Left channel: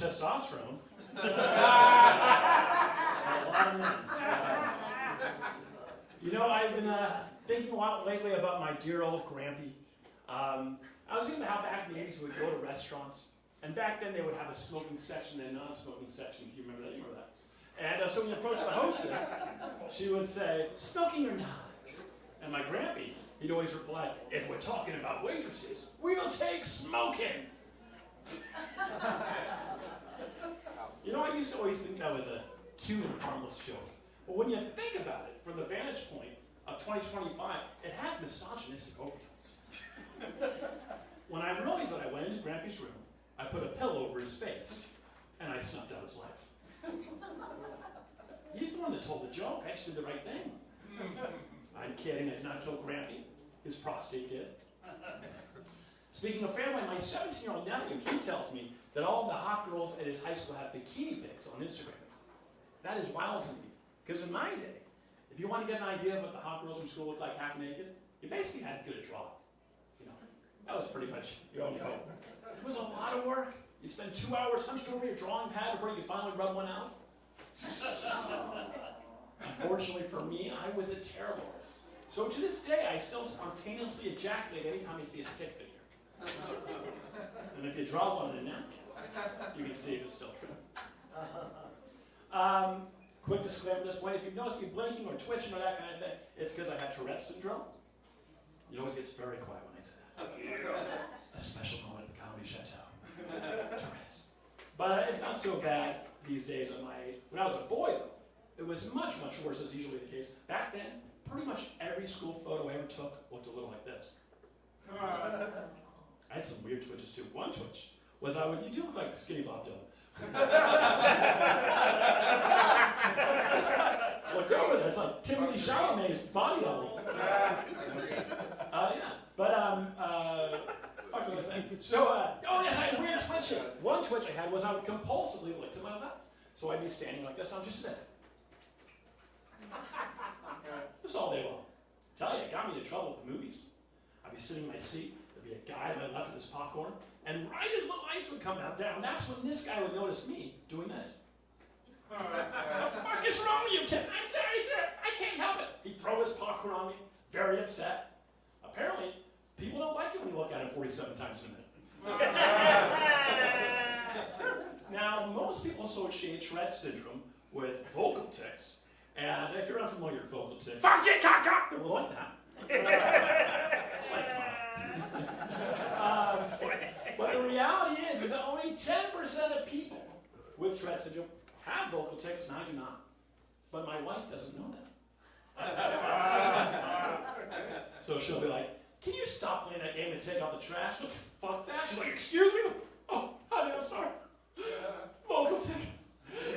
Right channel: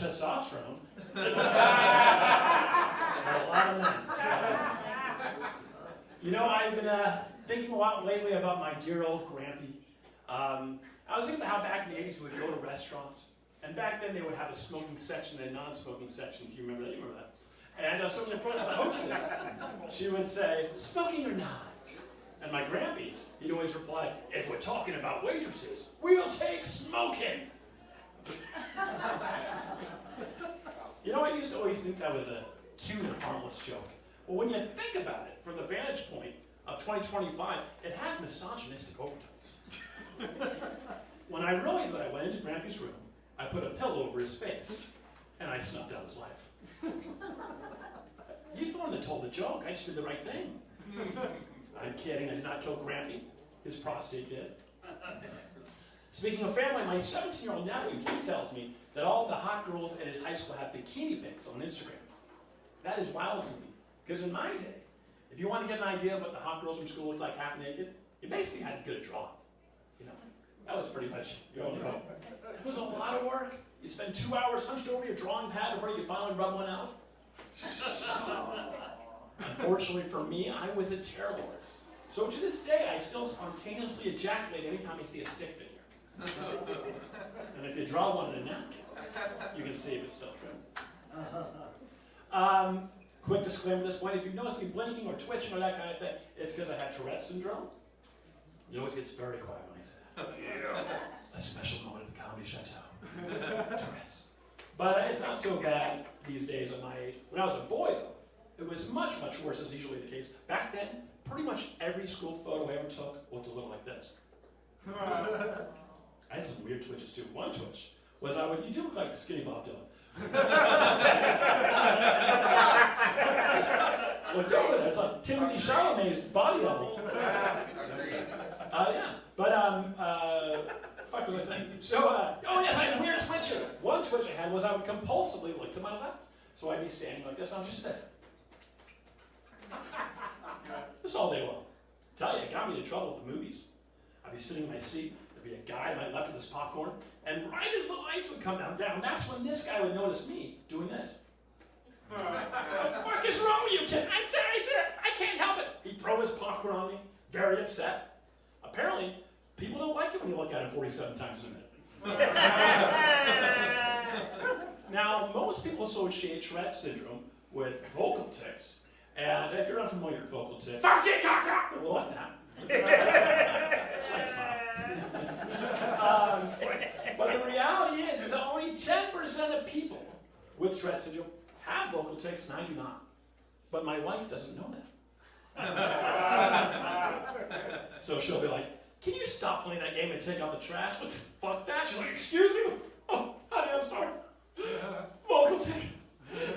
much testosterone. And a lot of men. You know, I've been thinking a lot lately about my dear old Grampy. I was thinking about how back in the 80s we would go to restaurants, and back then they would have a smoking section and a non-smoking section, if you remember that. You remember that. And so when I approached the hostess, she would say, smoking or not? And my Grampy, he'd always reply, if we're talking about waitresses, we'll take smoking. You know, I used to always think that was a cute and harmless joke. But when you think about it, from the vantage point of 2025, it has misogynistic overtones. When I realized that I went into Grampy's room, I put a pillow over his face, and I snuffed out his life. He's the one that told the joke. I just did the right thing. I'm kidding. I did not kill Grampy. His prostate did. Speaking of family, my 17-year-old nephew, he tells me that all the hot girls at his high school have bikini pics on Instagram. That is wild to me. Because in my day, if you want to get an idea of what the hot girls from school looked like half naked, you basically had to get a drawing. You know, that was pretty much your only hope. It was a lot of work. You spend 2 hours hunched over your drawing pad before you could finally rub one out. Unfortunately for me, I was a terrible artist. So to this day, I still spontaneously ejaculate anytime I see a stick figure. And if you draw one in a napkin, you can see if it's still true. Quick disclaimer at this point, if you've noticed me blinking or twitching or that kind of thing, it's because I have Tourette's syndrome. It always gets very quiet when I say that. Yeah. A special moment at the Comedy Chateau. Tourette's. But it's not so bad these days at my age. When I was a boy, though, it was much, much worse, as usually the case. Back then, pretty much every school photo I ever took looked a little like this. I had some weird twitches, too. One twitch was you do look like Skinny Bob Dylan. Looked over there. It's like Timothy Chalamet's body double. Yeah. But, fuck was I saying? So, oh yes, I had weird twitches. One twitch I had was I would compulsively look to my left. So I'd be standing like this. I'm just this. This all day long. I tell you, it got me in trouble with the movies. I'd be sitting in my seat. There'd be a guy to my left with his popcorn. And right as the lights would come down, that's when this guy would notice me doing this. What the fuck is wrong with you, kid? I can't help it. He'd throw his popcorn on me, very upset. Apparently, people don't like it when you look at him 47 times in a minute. Now, most people associate Tourette's syndrome with vocal tics. And if you're unfamiliar with vocal tics, fuck it, cock, a little like that. Slight smile. But the reality is that only 10% of people with Tourette's syndrome have vocal tics, and I do not. But my wife doesn't know that. So she'll be like, can you stop playing that game and take out the trash? Fuck that. She's like, excuse me? Oh, honey, I'm sorry. Vocal tic.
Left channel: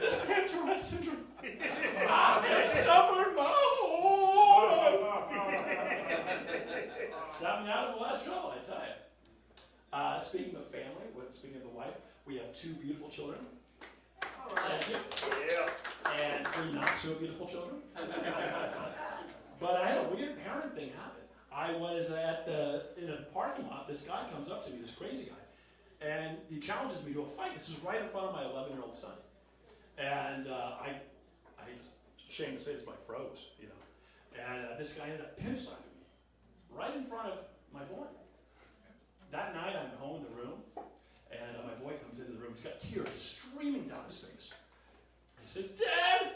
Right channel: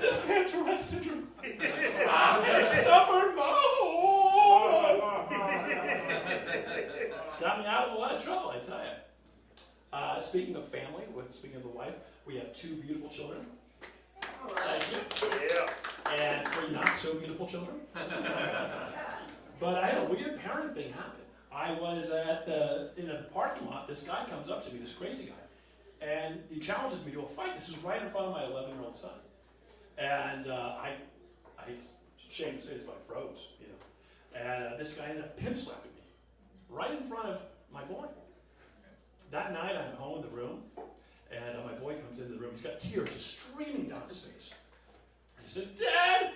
This man Tourette's syndrome. I suffered my whole life. It's got me out of a lot of trouble, I tell you. Speaking of family, speaking of the wife, we have 2 beautiful children. Thank you. Yeah. And 3 not so beautiful children. But I had a weird parent thing happen. I was in a parking lot. This guy comes up to me, this crazy guy, and he challenges me to a fight. This is right in front of my 11-year-old son. And I ashamed to say this, but I froze, you know. And this guy ended up pimp slapping me right in front of my boy. That night, I'm home in the room, and my boy comes into the room. He's got tears just streaming down his face. He says, Dad,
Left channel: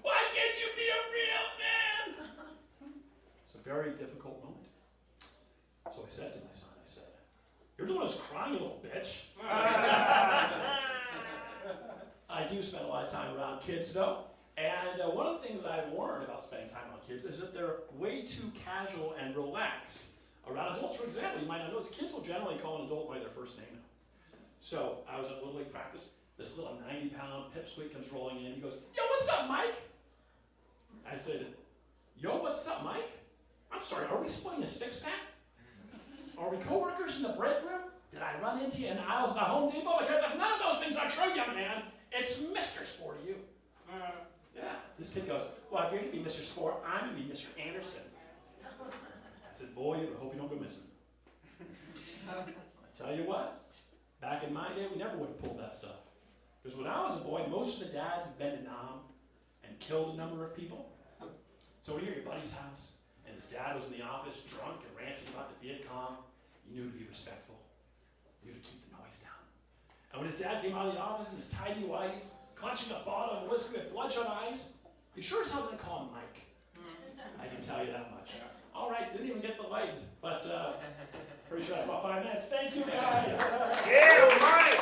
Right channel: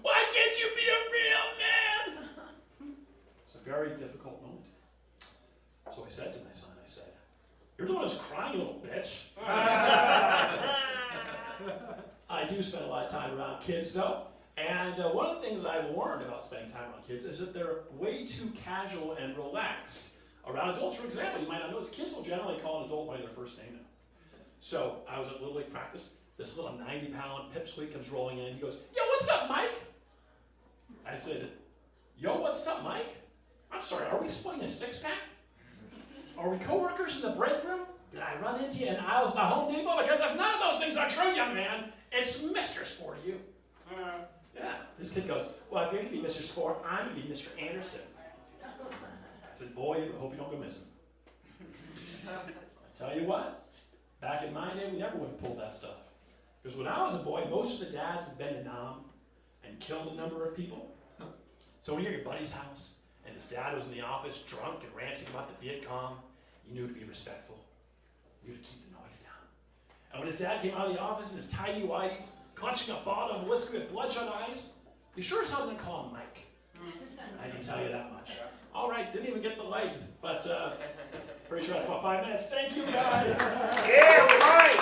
why can't you be a real man? It's a very difficult moment. So I said to my son, you're the one who's crying, you little bitch. I do spend a lot of time around kids, though. And one of the things I've learned about spending time around kids is that they're way too casual and relaxed around adults. For example, you might not notice, kids will generally call an adult by their first name now. So I was at Little League practice. This little 90-pound pipsqueak comes rolling in. He goes, yo, what's up, Mike? I said, yo, what's up, Mike? I'm sorry, are we splitting a 6-pack? Are we co-workers in the break room? Did I run into you in aisles in the Home Depot? Because if none of those things are true, young man, it's Mr. Sport to you. Yeah, this kid goes, well, if you're going to be Mr. Sport, I'm going to be Mr. Anderson. I said, boy, I hope you don't go missing. I tell you what, back in my day, we never would have pulled that stuff. Because when I was a boy, most of the dads had been to Nam and killed a number of people. So when you're at your buddy's house and his dad was in the office drunk and ranting about the Viet Cong, you knew to be respectful. You knew to keep the noise down. And when his dad came out of the office in his tidy whities, clutching a bottle of whiskey with bloodshot eyes, you sure as hell didn't call him Mike. I can tell you that much. All right, didn't even get the light, but pretty sure that's about 5 minutes. Thank you, guys. Yeah, right.